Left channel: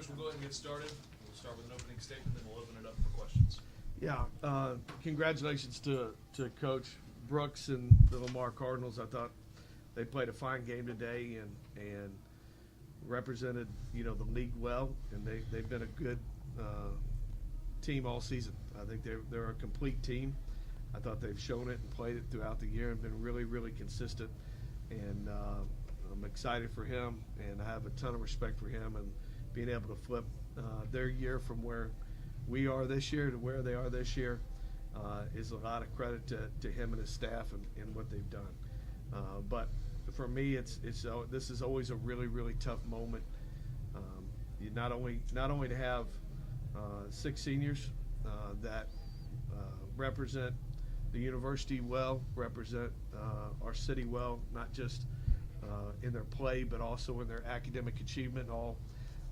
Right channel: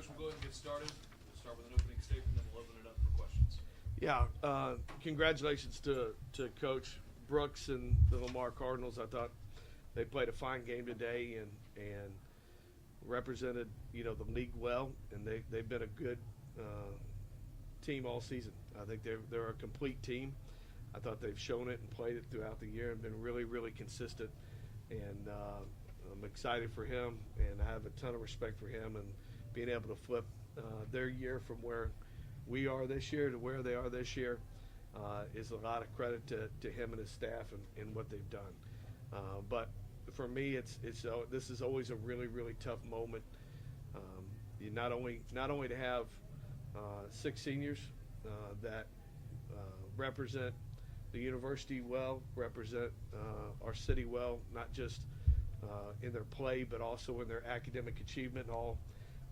Coach, we'll go ahead and get started. We'll start with an opening statement, then we'll open it up for questions. Yeah, congratulations to Coach Brooks and the Lamar Cardinals. I thought they played a fine game today and represented the league well, and they've been a good team all season. I think they're a complete team. I thought they've shown it and played it throughout the year and been really, really consistent. And I'm excited for him, and I have a ton of respect for him and being able to flip their year from where we are this year to where they are this year is a lot of credit to him and his staff and what they've done. But for me, this is always a really, really tough moment. You not only to have 6 seniors that represent the university well, represent our city well, not just in their play, but also in their academic achievement.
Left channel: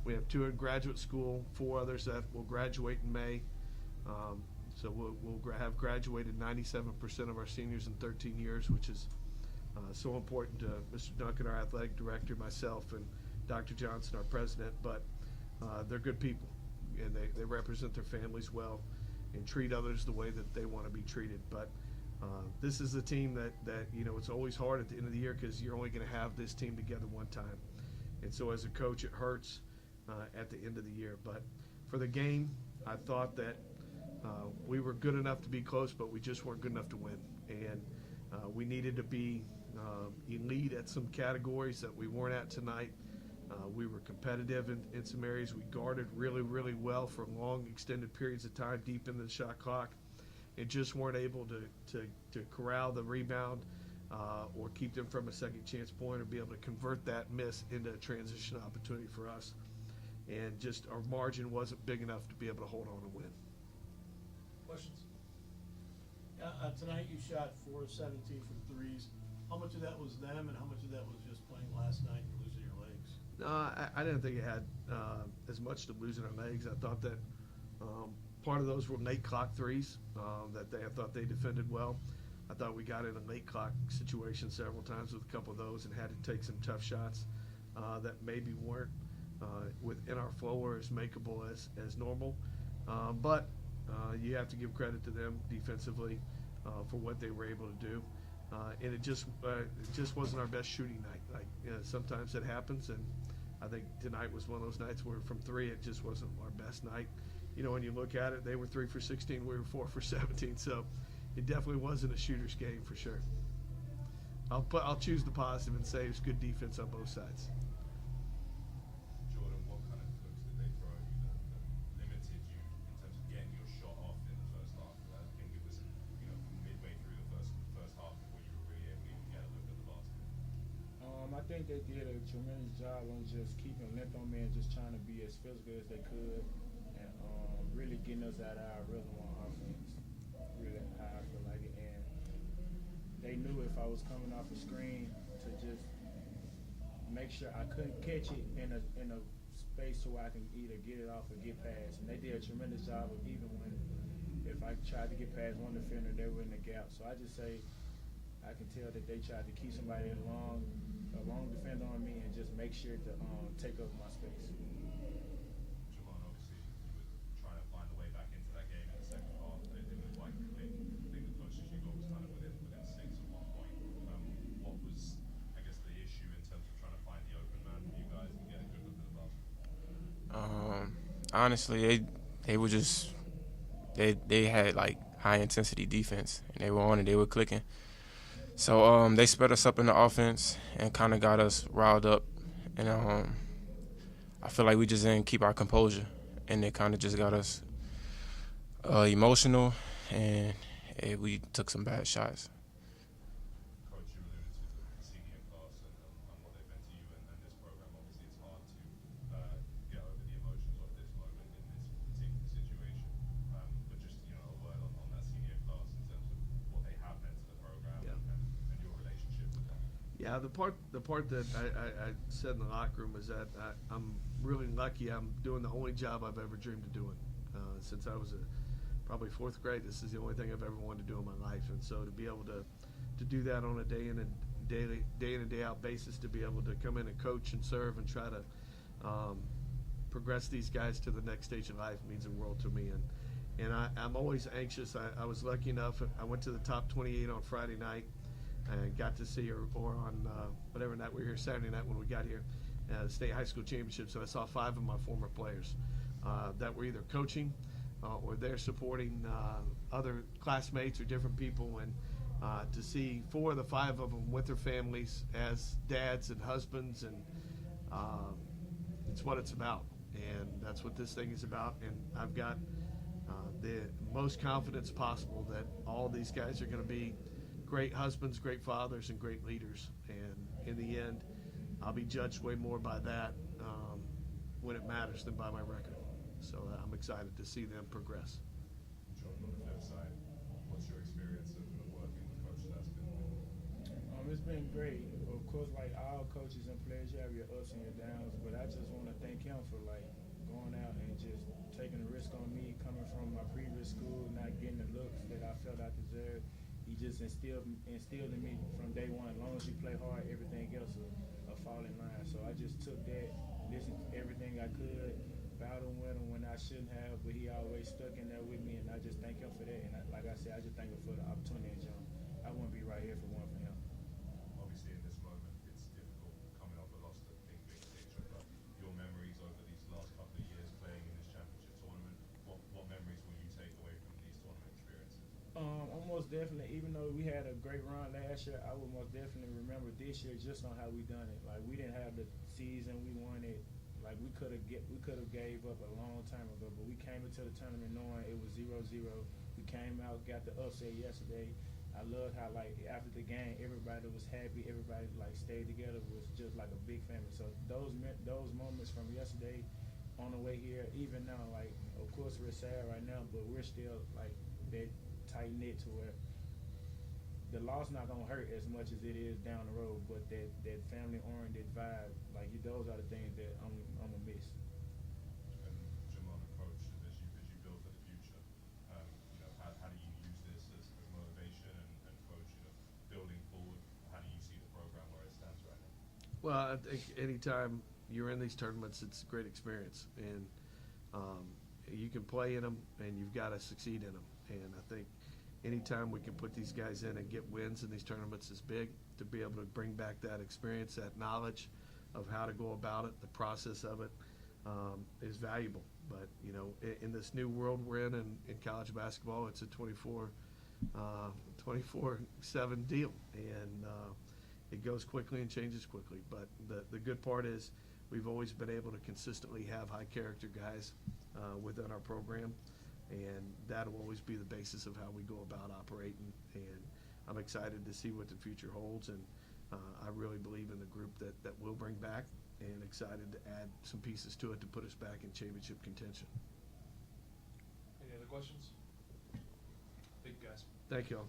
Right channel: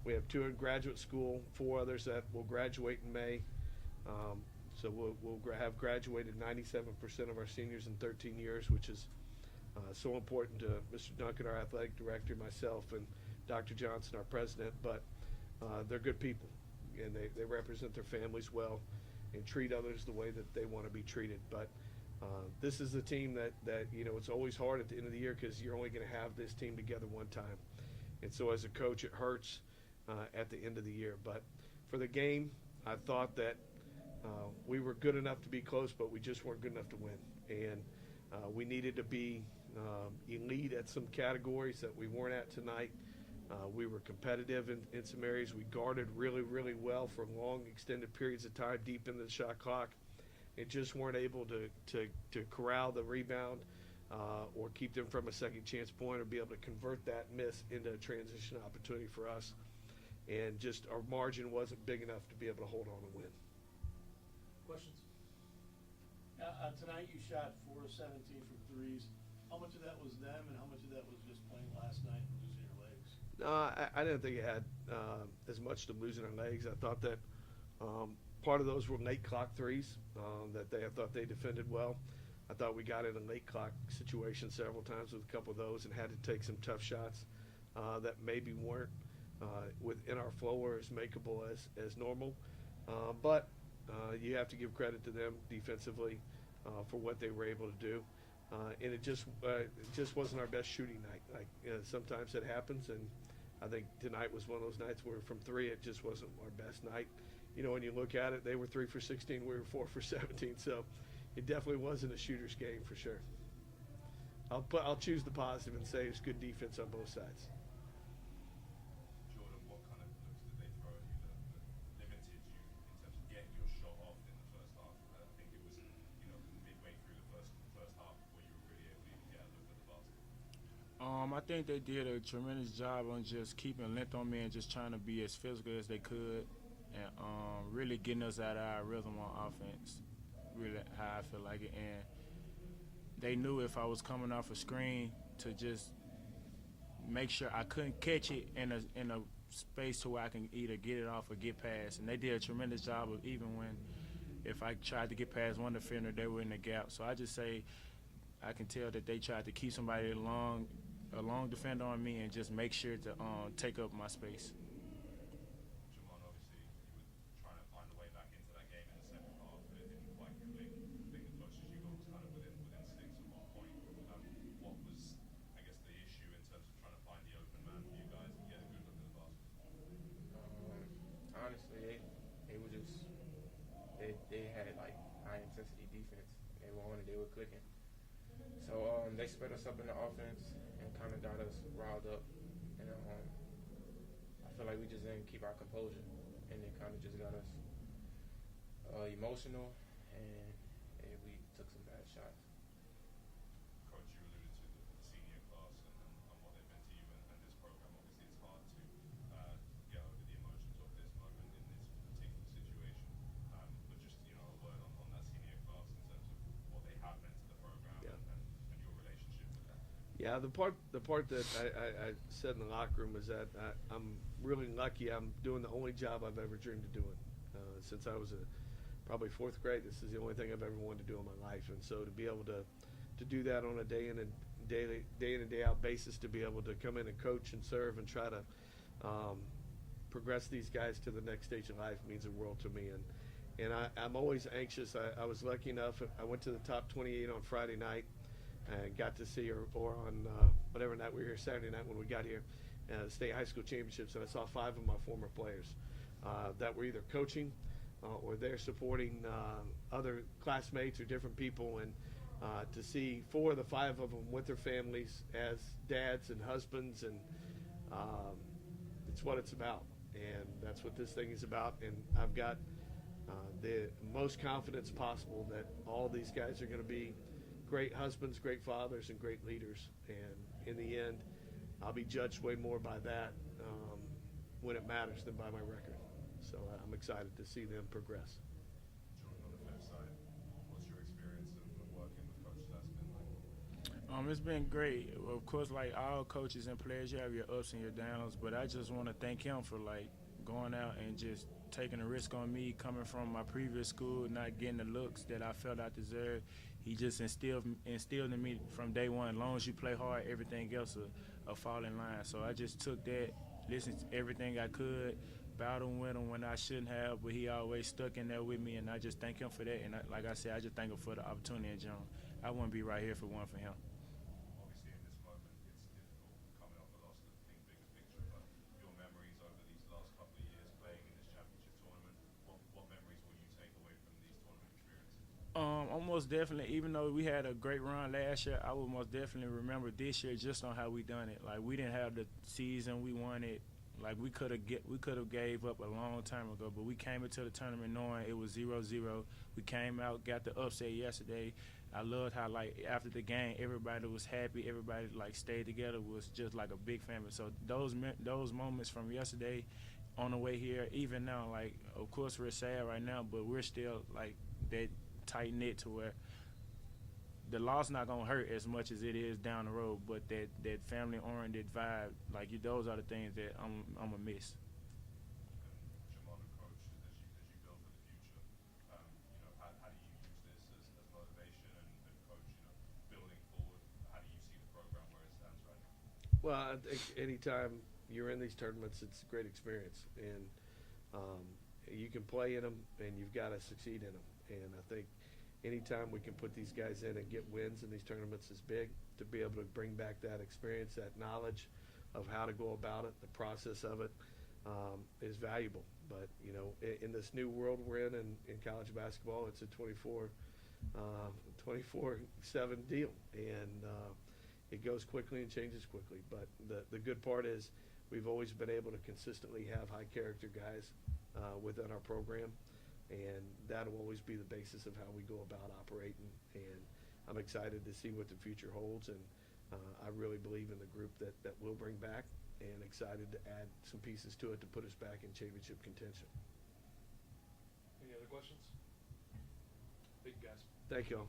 We have 2 in graduate school, 4 others that will graduate in May. So we'll have graduated 97% of our seniors in 13 years, which is so important to Mr. Duncan, our athletic director, myself, and Dr. Johnson, our president. But they're good people, and they represent their families well and treat others the way that they want to be treated. But this is a team that it's always hard at the end of the year because you're only going to have this team together one time. And so as a coach, it hurts at the end of the year. But for the game, I thought that we were good enough to be close, but we just weren't good enough to win. And we needed to be elite at some categories that we weren't at tonight. We were competitive in some areas. We guarded really, really well for long, extended periods of time deep into the shot clock, and just weren't able to corral the rebound or keep them from a second chance point or be able to convert that miss into a transition opportunity for us. And just our margin wasn't big enough to be able to hold on and win. Questions? Tonight you shot 4 of 17 from threes. How much of that was them, and how much of that was just playing last night and losing your legs? I didn't think it had as much to losing our legs. I thought that part of those were late clock threes I thought they defended well. I thought we got in a late clock situation several times with a couple of those and had to take some tough shots that maybe weren't within our flow or as makeable as normal. But you have to give credit to them defensively for what they were able to do. And it just wasn't our best shooting night. Sometimes it happens, and I think tonight was one of those nights where from 3 it just wasn't our best night. When you look at it, they were 3 for 16, we were 4 for 17, so it definitely wasn't a shooter's game for sure. I'll choose the positive and say it was good defense on both sides. Jordan, what kind of looks did they throw at you that limited you in terms of getting your shot off in the first half? I think it was midway through the first half before you were really able to even get a look at the basket. I think they did a tremendous job on just keeping length on me and just trying to be as physical as they could, and really getting us out of our rhythm on offense. Really how I feel like it, and they knew if I was coming off a screen to just make sure I couldn't catch it in a space to where I can either get it off or get past. And they did a tremendous job of even when if I tried to get past one defender, they were in the gap. So I just say I can tell that they tried to keep somebody a long defender on me and just make sure to take up my space. Jamon, obviously, you were trying to find a way back into that game in the second half, but it didn't quite click. I think the closest you got was kind of within 6 at one point. What was, I guess, the issue in terms of trying to find the open man for you guys and get a good look at the basket? Honestly, they were just they had like high intensity defense, and they were on it. They were clicking. So they sped us up in the offense and kind of got us riled up, and I feel like we just didn't keep our composure, and they kind of just got us emotional, and we took some bad shots. Coach, you alluded to the senior class and what they've meant to you and this program. Obviously, it's hard to get over the emotions of this moment in this particular situation. But just a word on that senior class in terms of what they have meant to the program and your relationship with them. Yeah, the part that I said in the locker room is that I'm really lucky. I'm doing the only job I've ever dreamed of doing. Since I was probably 4th grade, this is the only thing I've ever wanted to do in my life. And so to be able to do that on a day in and day out basis, to be able to come in and coach and serve and try to progress these guys to the next stage of life means the world to me. And I'm always anxious. I was lucky enough. I went to the top 28 on Friday night and got to see, or on whatever night we were here, Saturday night when we got here, state high school championship. So I saw 5 of my former players that were either coaching or they're supporting other classmates or different people. And to see 4 of the 5 of them with their families as dads and husbands, and it's what it's about. And that's what this thing is about. And I've got the most confidence possible that all these guys are going to be great husbands, great fathers, and great leaders. And in the end, I'll be judged way more by that when it matters than by my record. So I'm excited to see them progress. John, on the flip side, what's your experience of working with Coach That's been like? It's been great. Of course, like all coaches and players, you have your ups and your downs, but I just want to thank him for like going out and just taking a risk on me, coming from my previous school, not getting the looks that I felt I deserved. He just instilled in me from day one, as long as you play hard, everything else will fall in line. So I just took that, listened to everything I could, battled with him when I shouldn't have, but he always stuck in there with me, and I just thank him for that. And like I said, I just thank him for the opportunity in John. I wouldn't be right here if it wasn't for him. Obviously, in this moment, it's difficult coming off the loss to think big picture, but your memories over these last couple of years playing in this championship tournament, what memories will you take away from these tournament experiences? Almost definitely, even though we had a great run last year, I would most definitely remember this year just on how we done it. Like, we didn't have the season we wanted. Like, we could have gave up a long time ago, but we came into the tournament knowing it was 0-0. We came out, got the upset yesterday. I loved how, like, after the game, everybody was happy. Everybody, like, stayed together. Was just like a big family. So those moments from yesterday on the way here, even now, like, of course we're sad right now, but we're still, like, that tight-knit to where the loss not going to hurt as much as it is down the road, but that family-oriented vibe, like, those are the things that I'm going to miss. And Jamon, approach as you build for the future. How do you use this as motivation and coach, building forward? How do you see the program where it stands right now? Well, I think anytime you're in these tournaments, it's a great experience. And you can play in them, and you've got to succeed in them. And I think anytime we can put these guys in and get wins in these tournaments is big. To be able to bring back that experience, that knowledge of how to go about it, the process of it, is valuable. But, in this new world we're in college basketball, it's a 24/7 deal. And it goes quickly and changes quickly. But the good part is we've always been able to consistently have high character guys within our program. And that'll always be the basis of how we go about operating. And I'm excited to see what the future holds. And I really believe in the group that we'll bring back, and excited to add some pieces to it to put us back in championship contention. Any other questions? Thank you, guys. Thank you all.